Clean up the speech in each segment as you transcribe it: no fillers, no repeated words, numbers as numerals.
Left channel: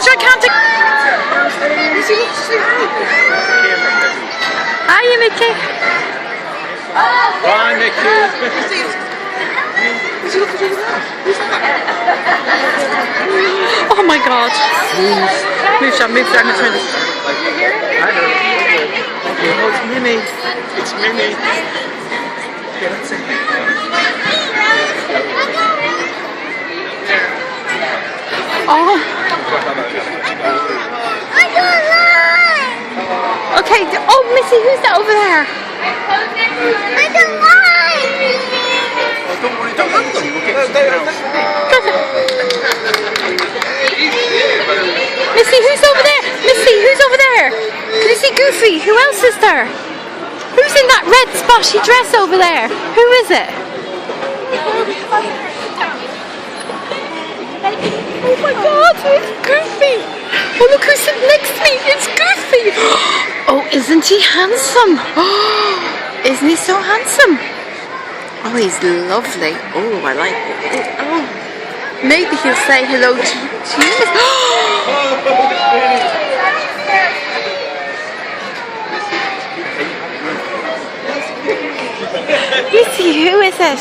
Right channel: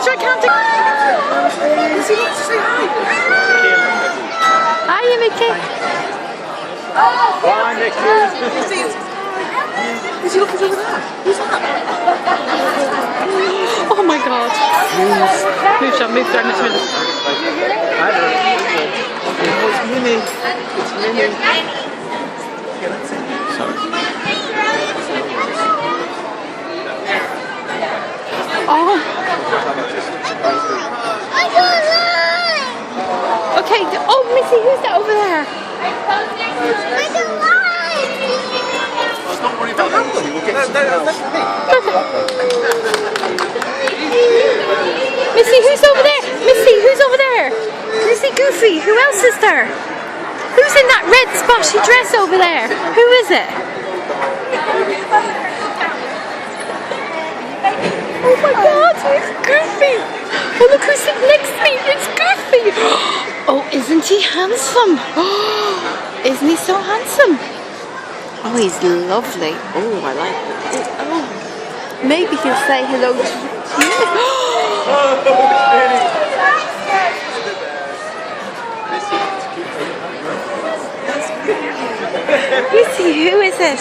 picture. I can't take. Hiya, Mickey. Bye, Mickey. Oh my God. Move down, move down and turn this. It's Minnie. It's Minnie. Oh. Okay. Oh, Missy, who's that over there? Don't worry about that. We'll get Missy, who's over there? Missy, who's over there? Can you see Goofy? Who else is there? Who's in that red spotty dress over there? Who is it? Oh my God, it's Goofy! Oh, look who's sitting next to me! It's Goofy! Oh, isn't he handsome? Oh, isn't he so handsome? Oh, he's lovely. Oh, I like it. Oh, maybe he'll say hello to you. Missy, who is it?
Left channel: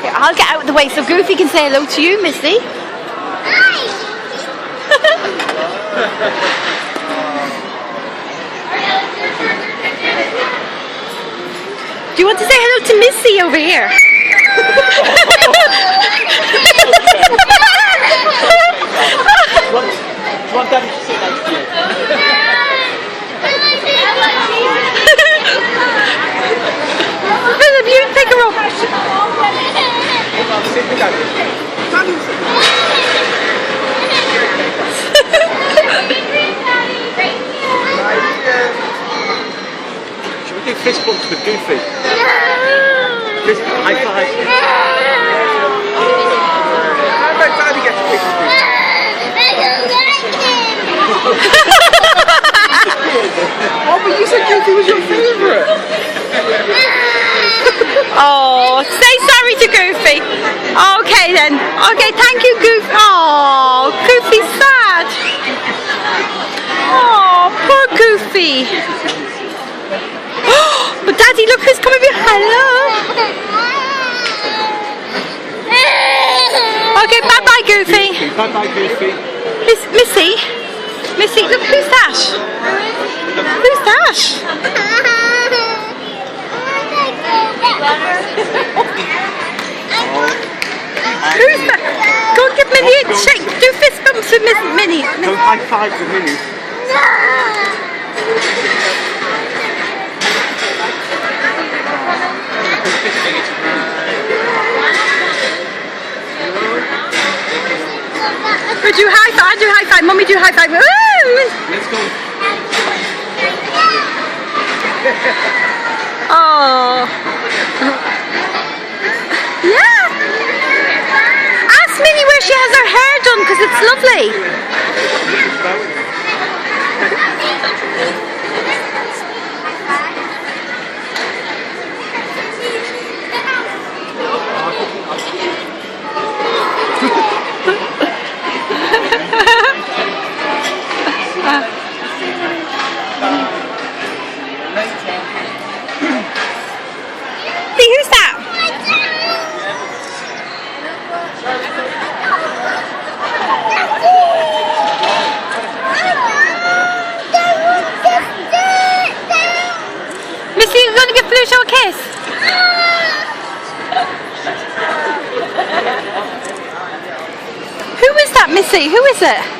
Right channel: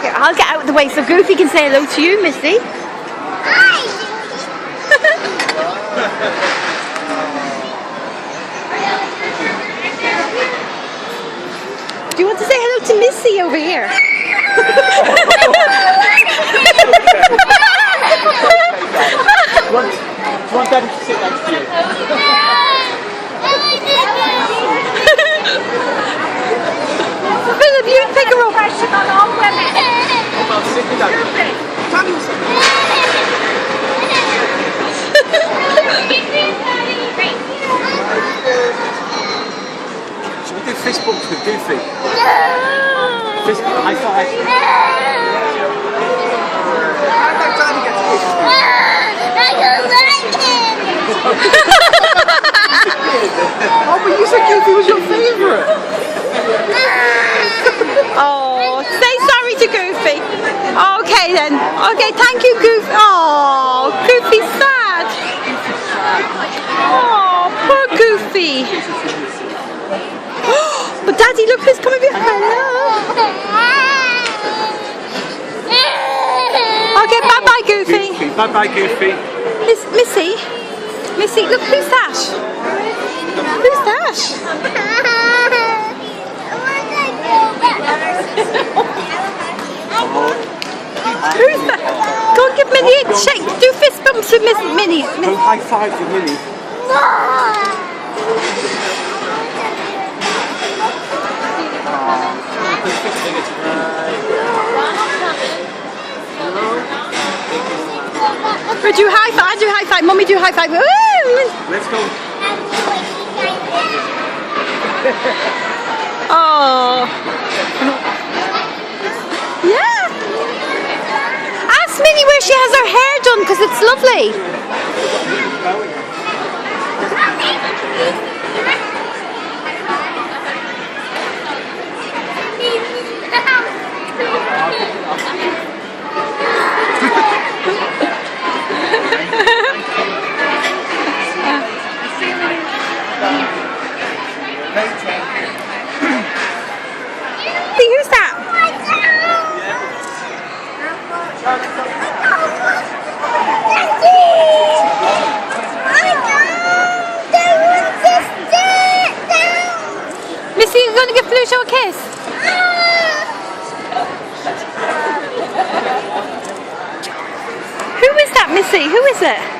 Here, I'll get out of the way so Goofy can say hello to you, Missy. Hi! Do you want to say hello to Missy over here? You want Daddy to sit next to you? Philip, you pick her up. Should we do fist bumps with Goofy? Fist high five. Daddy gets Oh, but you said Goofy was your favourite. Oh, say sorry to Goofy. Okay then. Okay, thank you, Goofy. Oh, Goofy's sad. Oh, poor Goofy. But Daddy, look who's coming behind. Hello. Okay, bye-bye, Goofy. Bye-bye, Goofy. Missy, look who's that? Who's that? Who's that? Go and give Minnie a shake. Do fist bumps with Minnie. No high five with Minnie. Or do high five. I do high five. Mummy, do high five. Woo! Let's go. Oh. Yeah. Ask Minnie where she has her hair done because it's lovely. See, who's that? Missy, you're going to give Pluto a kiss? Who is that, Missy? Who is it?